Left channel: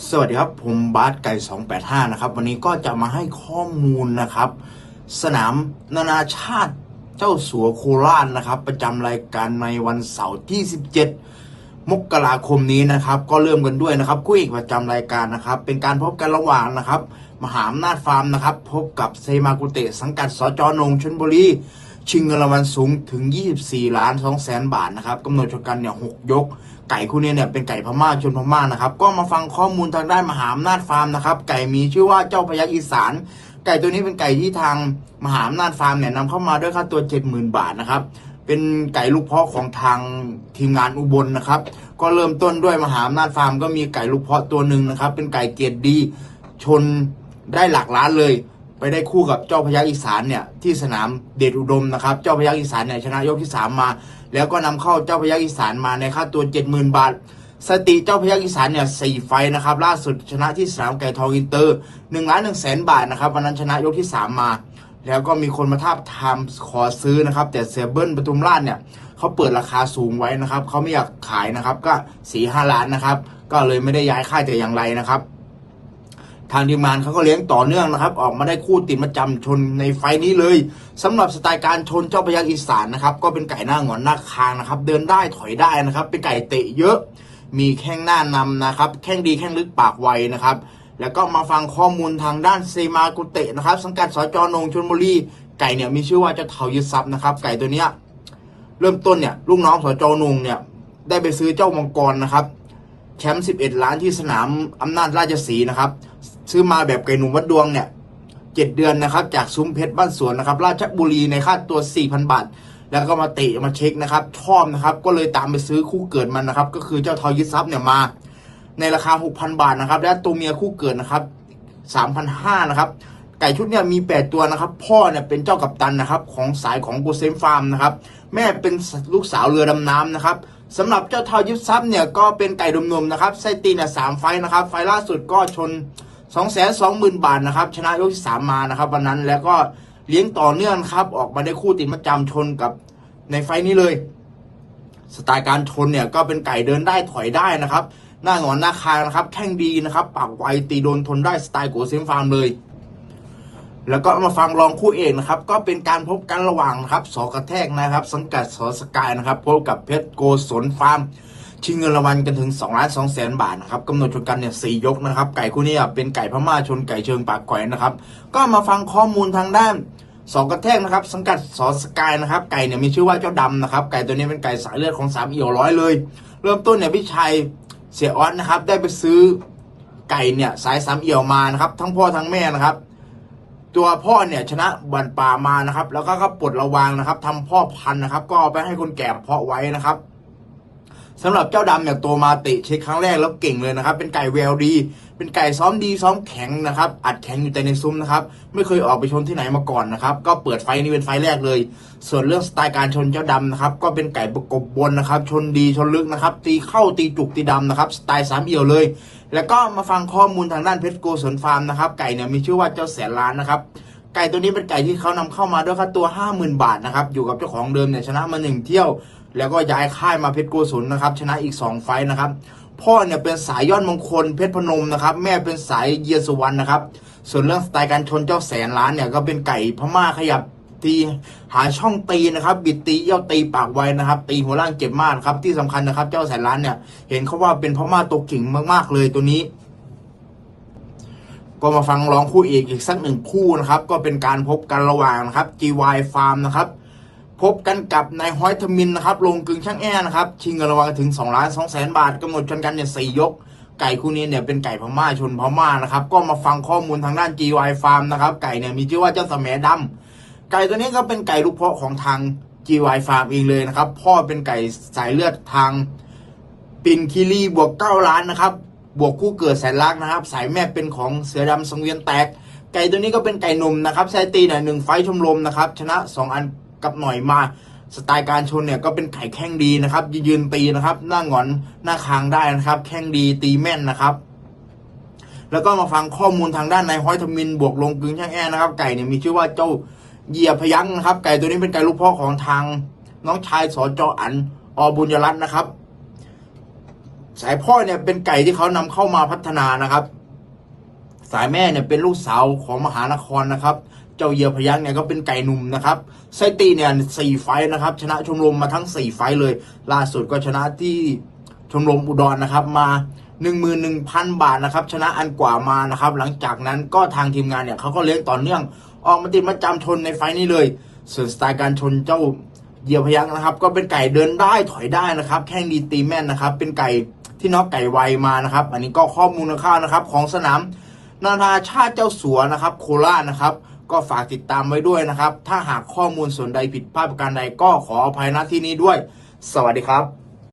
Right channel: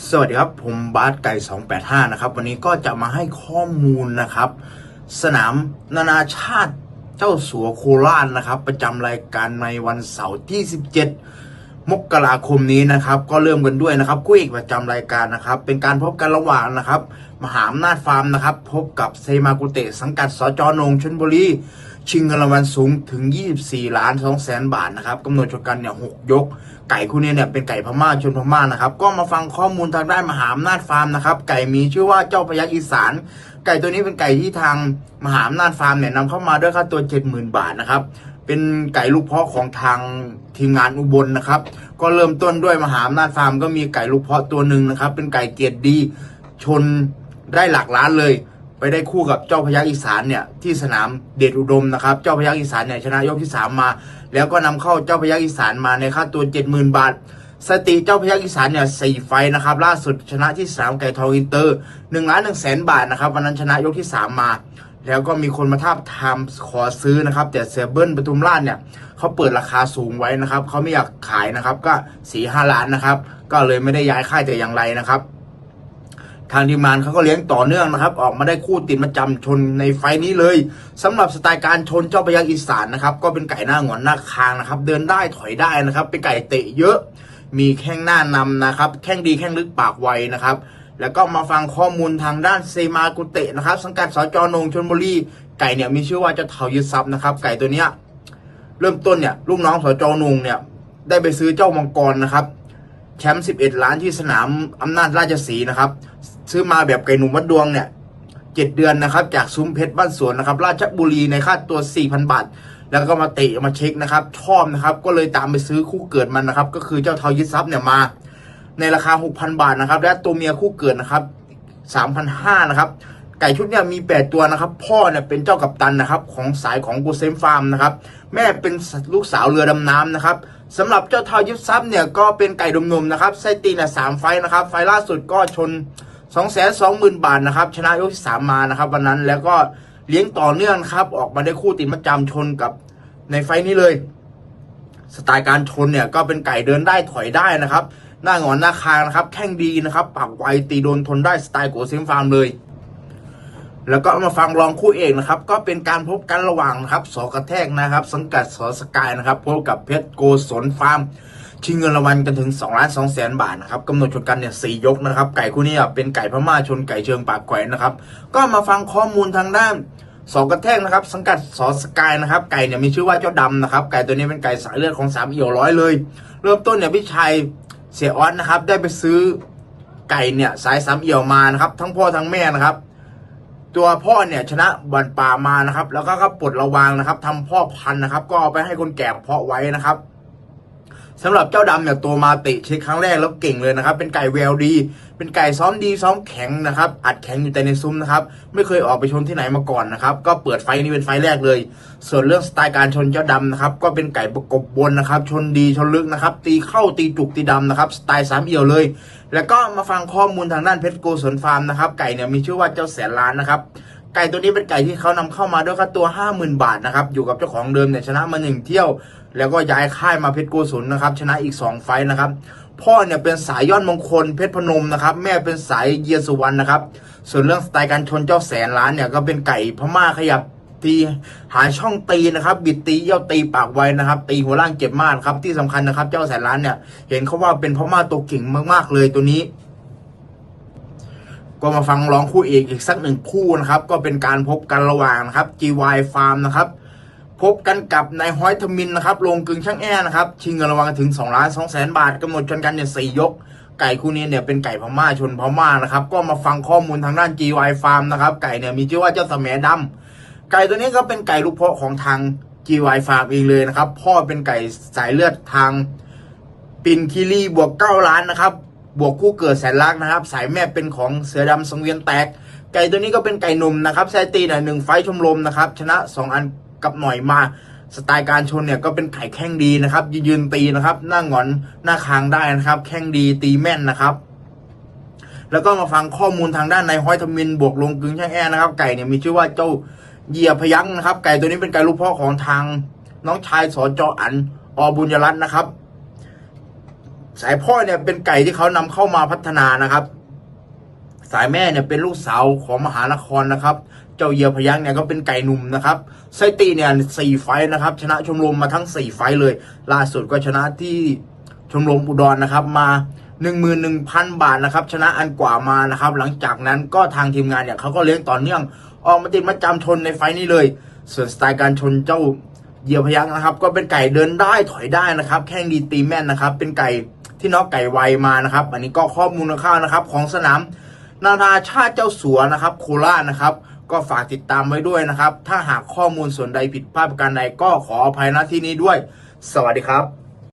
สวัสดีครับ ผมบาสไก่ 285 นะครับ วันนี้ก็จะมาให้ข้อมูลนะครับ สนามนานาชาติเจ้าสัวโคราชนะครับ ประจำรายการในวันเสาร์ที่ 17 มกราคมนี้นะครับ ก็เริ่มกันด้วยนะครับคู่เอกประจำรายการนะครับ เป็นการพบกันระหว่างนะครับ มหาอำนาจฟาร์มนะครับ พบกับเซมากุเตะสังกัดสจนงชนบุรี ชิงเงินรางวัลสูงถึง 24 ล้าน2แสนบาทนะครับกำหนดชกกันเนี่ย6ยก ไก่คู่นี้เนี่ยเป็นไก่พม่าชนพม่านะครับ ก็มาฟังข้อมูลทางด้านมหาอำนาจฟาร์มนะครับ ไก่มีชื่อว่าเจ้าพยักอีสาน ไก่ตัวนี้เป็นไก่ที่ทางมหาอำนาจฟาร์มเนี่ยนำเข้ามาด้วยค่าตัว 70,000 บาทนะครับเป็นไก่ลูกเพาะของทางทีมงานอุบลนะครับ ก็เริ่มต้นด้วยมหาอำนาจฟาร์มก็มีไก่ลูกเพาะตัวหนึ่งนะครับ เป็นไก่เกียรติดีชนได้หลักล้านเลย ไปได้คู่กับเจ้าพยักอีสานเนี่ยที่สนามเดชอุดมนะครับ เจ้าพยักอีสานเนี่ยชนะยกที่สามมา แล้วก็นำเข้าเจ้าพยักอีสานมาในค่าตัวเจ็ดหมื่นบาท สติเจ้าพยักอีสานเนี่ยสี่ไฟนะครับล่าสุดชนะที่สนามไก่ทองอินเตอร์หนึ่งล้านหนึ่งแสนบาทนะครับวันนั้นชนะยกที่สามมา แล้วก็มีคนมาทาบทามขอซื้อนะครับ แต่เซเบิลปทุมราชเนี่ยเขาเปิดราคาสูงไว้นะครับเขาไม่อยากขายนะครับก็สี่ห้าล้านนะครับก็เลยไม่ได้ย้ายค่ายแต่อย่างไรนะครับ ทางทีมงานเขาก็เลี้ยงต่อเนื่องนะครับ ออกมาได้คู่ติดประจำชนในไฟนี้เลยสำหรับสไตล์การชนเจ้าพยักอีสานนะครับก็เป็นไก่หน้าหงอนหน้าคางนะครับ เดินได้ถอยได้นะครับ เป็นไก่เตะเยอะ มีแข้งหน้านำนะครับ แข้งดีแข้งลึกปากไวนะครับ แล้วก็มาฟังข้อมูลทางด้านเซมากุเตะนะครับ สังกัดสจนงชนบุรีไก่เนี่ยมีชื่อว่าเจ้าเถายึดทรัพย์นะครับไก่ตัวเนี้ยเริ่มต้นเนี่ยลูกน้องสจนงเนี่ยได้ไปซื้อเจ้ามังกรนะครับแชมป์11 ล้านที่สนามอำนาจราชสีนะครับ ซื้อมาแบบไก่หนุ่มวัดดวงเนี่ยเจ็ดเดือนนะครับจากซุ้มเพชรบ้านสวนนะครับ ราชบุรีในค่าตัว 4,000 บาท แล้วก็มาเตะมาเช็คนะครับ ชอบนะครับ ก็เลยตามไปซื้อคู่เกิดมันนะครับ ก็คือเจ้าเทายึดทรัพย์เนี่ยมา ในราคา 6,000 บาทนะครับ และตัวเมียคู่เกิดนะครับ3,500นะครับ ไก่ชุดเนี่ยมี 8 ตัวนะครับ พ่อเนี่ยเป็นเจ้ากัปตันนะครับ ของสายของกูเซมฟาร์มนะครับ แม่เป็นลูกสาวเรือดำน้ำนะครับสำหรับเจ้าเทายึดทรัพย์เนี่ยก็เป็นไก่ดมนมนะครับไส้ตีนเนี่ยสามไฟนะครับ ไฟล่าสุดก็ชน 2 2 0 0 0 0บาทนะครับ ชนะยกที่3มมานะครับ วันนั้นแล้วก็เลี้ยงต่อเนื่องครับ ออกมาได้คู่ติดประจำชนกับในไฟนี้เลย สไตล์การชนเนี่ยก็เป็นไก่เดินได้ถอยได้นะครับ หน้าหงอนหน้าคางนะครับ แข้งดีนะครับ ปากไวตีโดนทนได้สไตล์โกเซมฟาร์มเลย แล้วก็มาฟังรองคู่เอกนะครับ ก็เป็นการพบกันระหว่างนะครับสอกระแทกนะครับ สังกัดสอสกายนะครับพบกับเพชรโกศลฟาร์ม ชิงเงินรางวัลกันถึง2ล้าน2แสนบาทนะครับกำหนดชนกันเนี่ยสยกนะครับ ไก่คู่นี้เป็นไก่พม่าชนไก่เชิงปากแขวนนะครับ ก็มาฟังข้อมูลทางด้านสองกระแทกนะครับ สังกัดสอสกายนะครับ ไก่เนี่ยมีชื่อว่าเจ้าดำนะครับ ไก่ตัวนี้เป็นไก่สายเลือดของสามเอี่ยวร้อยเลย เริ่มต้นเนี่ยพี่ชัยเสียออสนะครับ ได้ไปซื้อไก่เนี่ยสายสามเอี่ยวมานะครับ ทั้งพ่อทั้งแม่นะครับ ตัวพ่อเนี่ยชนะบันป่ามานะครับ แล้วก็ก็ปลดระวางนะครับทำพ่อพันธุ์นะครับ ก็เอาไปให้คนแก่เพาะไว้นะครับ สำหรับเจ้าดำเนี่ยตัวมาตะเช็คครั้งแรกแล้วเก่งเลยนะครับ เป็นไก่แววดี เป็นไก่ซ้อมดีซ้อมแข็งนะครับ อัดแข็งอยู่แต่ในซุ้มนะครับ ไม่เคยออกไปชนที่ไหนมาก่อนนะครับ ก็เปิดไฟนี้เป็นไฟแรกเลย ส่วนเรื่องสไตล์การชนเจ้าดำนะครับ ก็เป็นไก่ประกบบนนะครับ ชนดีชนลึกนะครับ ตีเข้าตีจุกตีดำนะครับ สไตล์สามเอี่ยวเลย แล้วก็มาฟังข้อมูลทางด้านเพชรโกศลฟาร์มนะครับ ไก่เนี่ยมีชื่อว่าเจ้าแสนล้านนะครับ ไก่ตัวนี้เป็นไก่ที่เขานำเข้ามาด้วยค่าตัว 50,000 บาทนะครับ อยู่กับเจ้าของเดิมเนี่ยชนะมาหนึ่งเที่ยว แล้วก็ย้ายค่ายมาเพชรโกศลนะครับ ชนะอีก 2 ไฟนะครับ พ่อเนี่ยเป็นสายยอดมงคลเพชรพนมนะครับ แม่เป็นสายเยียสุวรรณนะครับ ส่วนเรื่องสไตล์การชนเจ้าแสนล้านเนี่ยก็เป็นไก่พม่าขยับตีหาช่องตีนะครับ บิดตีเยี่ยวตีปากไวนะครับ ตีหัวล่างเจ็บมากครับที่สำคัญนะครับ เจ้าแสนล้านเนี่ยเห็นเขาว่าเป็นพม่าตัวเก่งมากๆเลยตัวนี้ ก็มาฟังร้องคู่เอกอีกสักหนึ่งคู่นะครับ ก็เป็นการพบกันระหว่างนะครับ GY Farm นะครับ พบกันกับนายฮ้อยทมินนะครับ ลงกึ่งช่างแอนะครับ ชิงเงินรางวัลถึง2ล้าน2แสนบาทกำหนดชนกันเนี่ยสี่ยก ไก่คู่นี้เนี่ยเป็นไก่พม่าชนพม่านะครับ ก็มาฟังข้อมูลทางด้าน GY Farm นะครับ ไก่เนี่ยมีชื่อว่าเจ้าสมดำไก่ตัวนี้ก็เป็นไก่ลูกเพาะของทาง GY Farm เองเลยนะครับ พ่อเป็นไก่สายเลือดทางปินคิรีบวกเก้าล้านนะครับ บวกคู่เกิดแสนลักนะครับ สายแม่เป็นของเสือดำสังเวียนแตก ไก่ตัวนี้ก็เป็นไก่หนุ่มนะครับไซตีเนี่ยหนึ่งไฟชมรมนะครับ ชนะสองอันกับหน่อยมาสไตล์การชนเนี่ยก็เป็นไข่แข้งดีนะครับยืนตีนะครับ หน้าหงอนหน้าคางได้นะครับ แข้งดีตีแม่นนะครับ แล้วก็มาฟังข้อมูลทางด้านในายห้อยทมินบวกลงกึ่งช่างแอนะครับ ไก่เนี่ยมีชื่อว่าเจ้าเหยียพยักษ์นะครับ ไก่ตัวนี้เป็นไก่ลูกพ่อของทางน้องชายสจอันอบุญยรัตน์นะครับ สายพ่อเนี่ยเป็นไก่ที่เขานำเข้ามาพัฒนานะครับ สายแม่เนี่ยเป็นลูกสาวของมหานครนะครับ เจ้าเยียพยักเนี่ยก็เป็นไก่หนุ่มนะครับไซตีเนี่ยสี่ไฟนะครับ ชนะชมรมมาทั้งสี่ไฟเลย ล่าสุดก็ชนะที่ชมรมอุดรนะครับมา11,000 บาทนะครับ ชนะอันกว่ามานะครับ หลังจากนั้นก็ทางทีมงานเนี่ยเขาก็เลี้ยงต่อเนื่อง ออกมาติดมาจำชนในไฟนี้เลย ส่วนสไตล์การชนเจ้าเหยียพยักนะครับ ก็เป็นไก่เดินได้ถอยได้นะครับ แข้งดีตีแม่นนะครับ เป็นไก่ ที่น็อกไก่ไวมานะครับ อันนี้ก็ข้อมูลคร่าวๆนะครับ ของสนามนานาชาติเจ้าสัวนะครับ โคราชนะครับ ก็ฝากติดตามไว้ด้วยนะครับ ถ้าหากข้อมูลส่วนใดผิดพลาดประการใดก็ขออภัยณที่นี้ด้วย สวัสดีครับ